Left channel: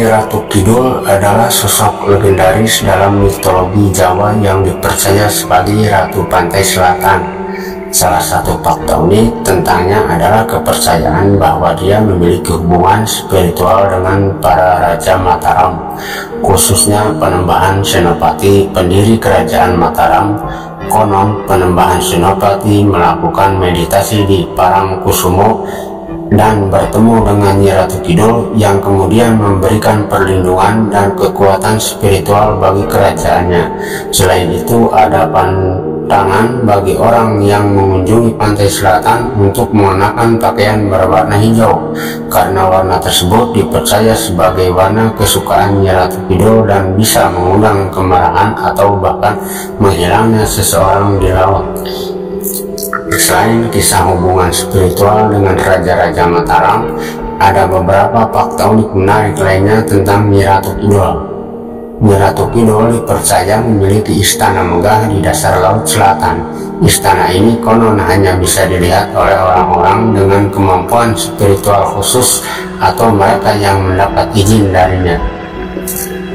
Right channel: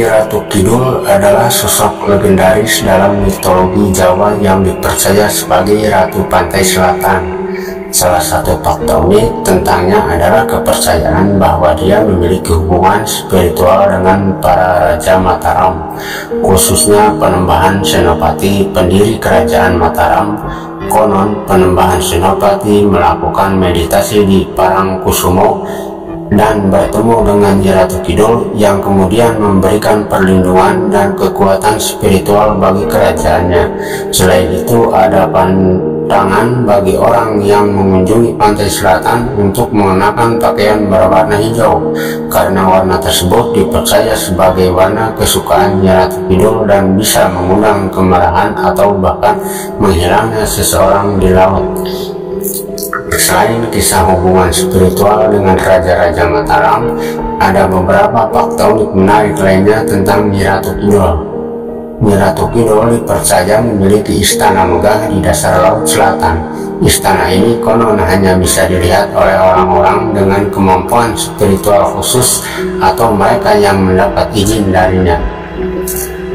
Nyi Ratu Kidul adalah sosok legendaris dalam mitologi Jawa yang dipercaya sebagai Ratu Pantai Selatan. Salah satu fakta unik tentangnya adalah kepercayaan bahwa dia memiliki hubungan spiritual dengan para Raja Mataram, khususnya Penembahan Senopati, pendiri Kerajaan Mataram. Konon Penembahan Senopati melakukan meditasi di Parangkusumo dan bertemu dengan Nyi Ratu Kidul yang kemudian memberikan perlindungan dan kekuatan spiritual bagi kerajaannya. Selain itu, ada pantangan bagi orang yang mengunjungi pantai selatan untuk mengenakan pakaian berwarna hijau, karena warna tersebut dipercaya sebagai warna kesukaan Nyi Ratu Kidul dan bisa mengundang kemarahan atau bahkan menghilangnya seseorang di laut. Selain kisah hubungan spiritual dengan Raja-Raja Mataram, ada beberapa fakta unik menarik lainnya tentang Nyi Ratu Kidul. Nyi Ratu Kidul dipercaya memiliki istana megah di dasar laut selatan. Istana ini konon hanya bisa dilihat oleh orang-orang dengan kemampuan spiritual khusus atau mereka yang mendapat izin darinya.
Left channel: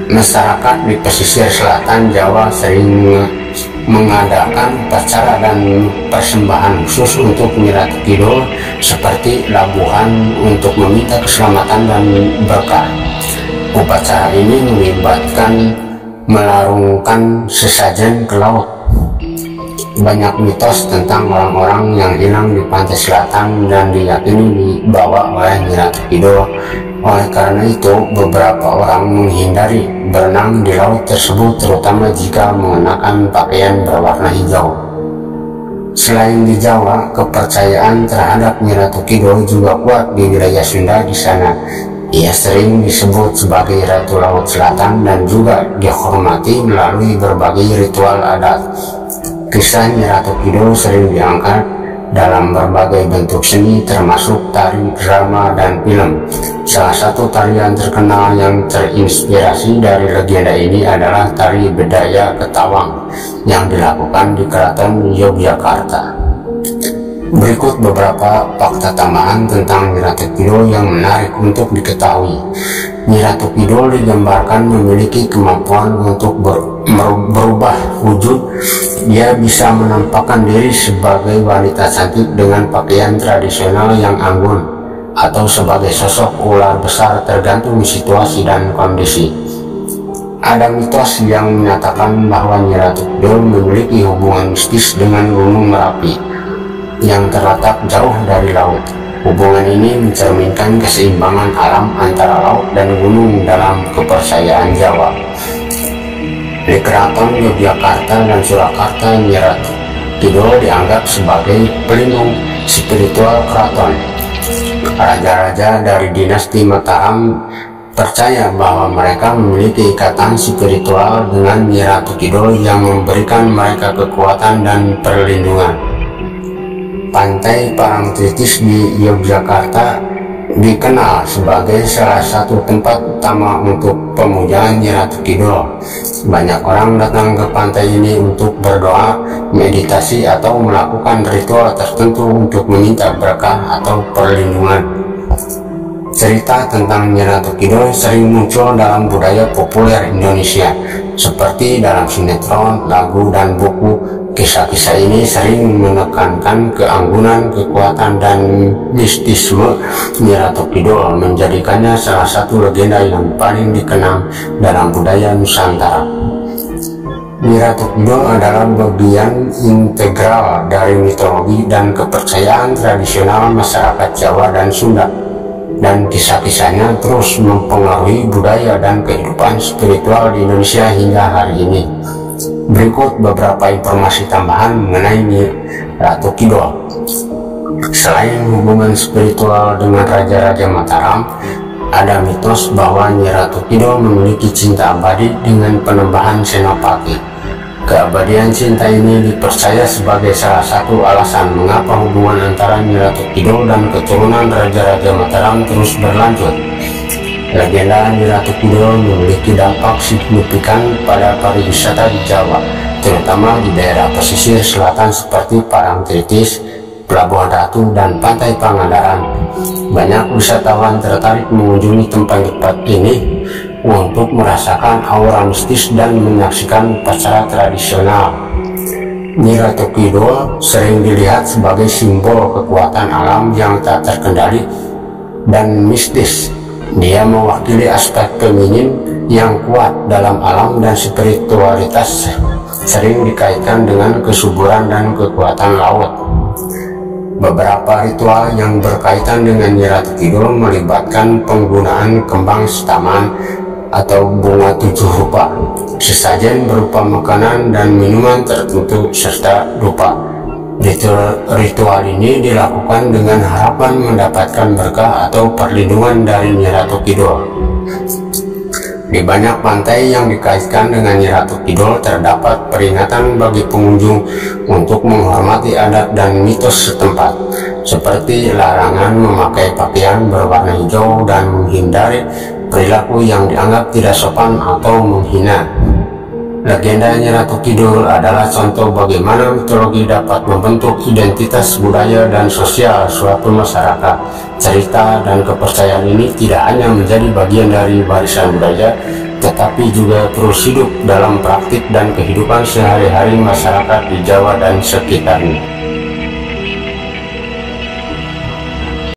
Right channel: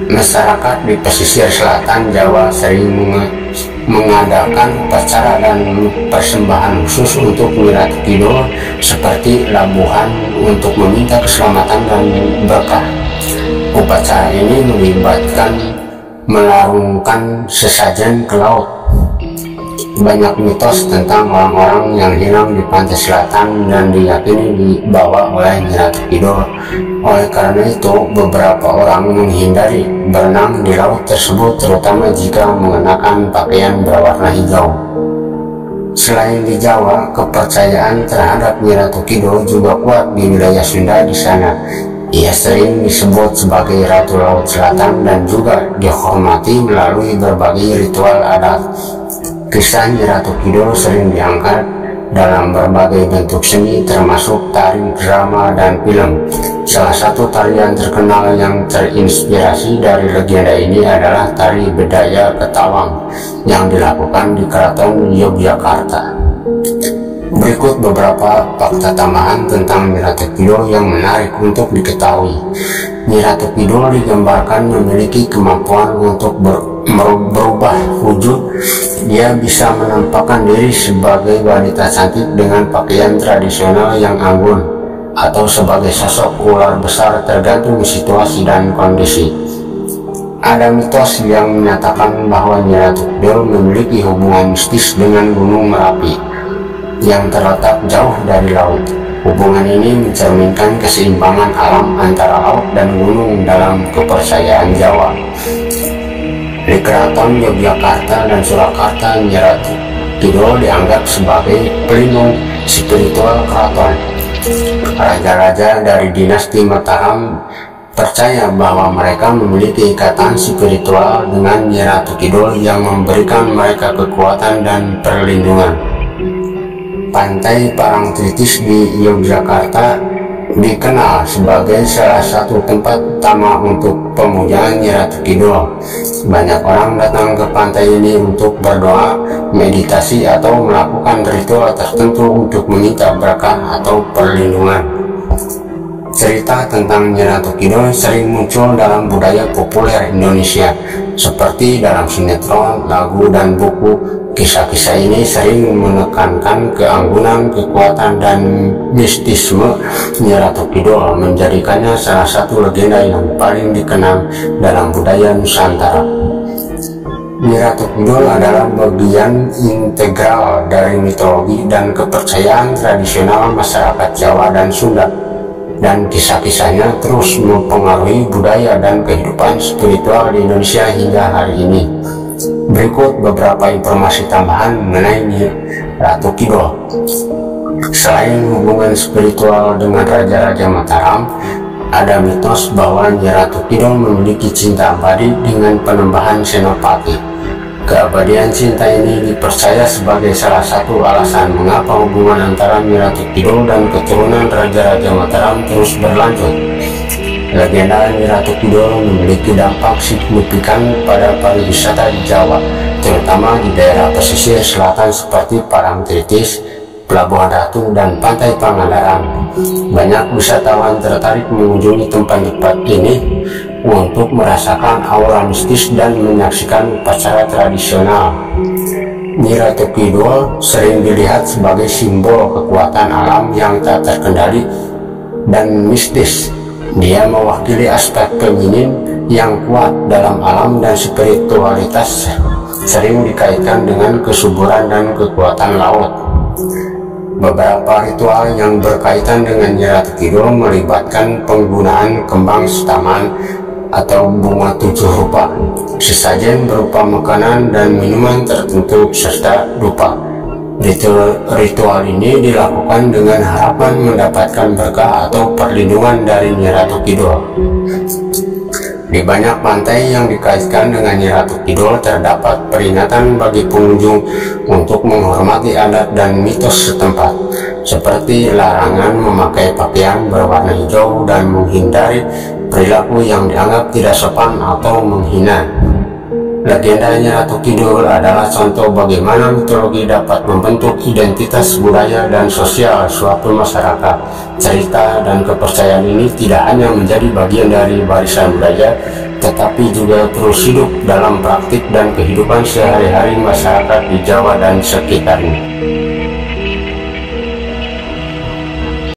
Masyarakat di pesisir selatan Jawa sering mengadakan upacara dan persembahan khusus untuk Nyi Ratu Kidul, seperti labuhan untuk meminta keselamatan dan berkah. Upacara ini melibatkan melarungkan sesajen ke laut. Banyak mitos tentang orang-orang yang hilang di pantai selatan dan diyakini dibawa oleh Nyi Ratu Kidul. Oleh karena itu, beberapa orang menghindari berenang di laut tersebut, terutama jika mengenakan pakaian berwarna hijau. Selain di Jawa, kepercayaan terhadap Nyi Ratu Kidul juga kuat di wilayah Sunda di sana. Ia sering disebut sebagai Ratu Laut Selatan dan juga dihormati melalui berbagai ritual adat. Kisah Nyi Ratu Kidul sering diangkat dalam berbagai bentuk seni, termasuk tari, drama, dan film. Salah satu tarian terkenal yang terinspirasi dari legenda ini adalah tari Bedaya Ketawang yang dilakukan di Keraton Yogyakarta. Berikut beberapa fakta tambahan tentang Nyi Ratu Kidul yang menarik untuk diketahui. Nyi Ratu Kidul digambarkan memiliki kemampuan untuk berubah wujud. Dia bisa menampakkan diri sebagai wanita cantik dengan pakaian tradisional yang anggun, atau sebagai sosok ular besar, tergantung situasi dan kondisi. Ada mitos yang menyatakan bahwa Nyi Ratu Kidul memiliki hubungan mistis dengan Gunung Merapi yang terletak jauh dari laut. Hubungan ini mencerminkan keseimbangan alam antara laut dan gunung dalam kepercayaan Jawa. Di Keraton Yogyakarta dan Surakarta, Nyi Ratu Kidul dianggap sebagai pelindung spiritual keraton. Raja-raja dari dinasti Mataram percaya bahwa mereka memiliki ikatan spiritual dengan Nyi Ratu Kidul yang memberikan mereka kekuatan dan perlindungan. Pantai Parangtritis di Yogyakarta dikenal sebagai salah satu tempat utama untuk pemujaan Nyi Ratu Kidul. Banyak orang datang ke pantai ini untuk berdoa, meditasi, atau melakukan ritual tertentu untuk meminta berkah atau perlindungan. Cerita tentang Nyi Ratu Kidul sering muncul dalam budaya populer Indonesia, seperti dalam sinetron, lagu, dan buku. Kisah-kisah ini sering menekankan keanggunan, kekuatan, dan mistisme Nyi Ratu Kidul, menjadikannya salah satu legenda yang paling dikenal dalam budaya Nusantara. Nyi Ratu Kidul adalah bagian integral dari mitologi dan kepercayaan tradisional masyarakat Jawa dan Sunda, dan kisah-kisahnya terus mempengaruhi budaya dan kehidupan spiritual di Indonesia hingga hari ini. Berikut beberapa informasi tambahan mengenai Nyi Ratu Kidul. Selain hubungan spiritual dengan Raja-Raja Mataram, ada mitos bahwa Nyi Ratu Kidul memiliki cinta abadi dengan Penembahan Senopati. Keabadian cinta ini dipercaya sebagai salah satu alasan mengapa hubungan antara Nyi Ratu Kidul dan keturunan Raja-Raja Mataram terus berlanjut. Legenda Nyi Ratu Kidul memiliki dampak signifikan pada pariwisata di Jawa, terutama di daerah pesisir selatan seperti Parangtritis, Pelabuhan Ratu, dan Pantai Pangandaran. Banyak wisatawan tertarik mengunjungi tempat-tempat ini untuk merasakan aura mistis dan menyaksikan upacara tradisional. Nyi Ratu Kidul sering dilihat sebagai simbol kekuatan alam yang tak terkendali dan mistis. Dia mewakili aspek feminin yang kuat dalam alam, dan spiritualitas sering dikaitkan dengan kesuburan dan kekuatan laut. Beberapa ritual yang berkaitan dengan Nyi Ratu Kidul melibatkan penggunaan kembang setaman atau bunga 7 rupa, sesajen berupa makanan dan minuman tertentu, serta dupa. Ritual ini dilakukan dengan harapan mendapatkan berkah atau perlindungan dari Nyi Ratu Kidul. Di banyak pantai yang dikaitkan dengan Nyi Ratu Kidul terdapat peringatan bagi pengunjung untuk menghormati adat dan mitos setempat, seperti larangan memakai pakaian berwarna hijau dan menghindari perilaku yang dianggap tidak sopan atau menghina. Legenda Nyi Ratu Kidul adalah contoh bagaimana mitologi dapat membentuk identitas budaya dan sosial suatu masyarakat. Cerita dan kepercayaan ini tidak hanya menjadi bagian dari warisan budaya, tetapi juga terus hidup dalam praktik dan kehidupan sehari-hari masyarakat di Jawa dan sekitarnya.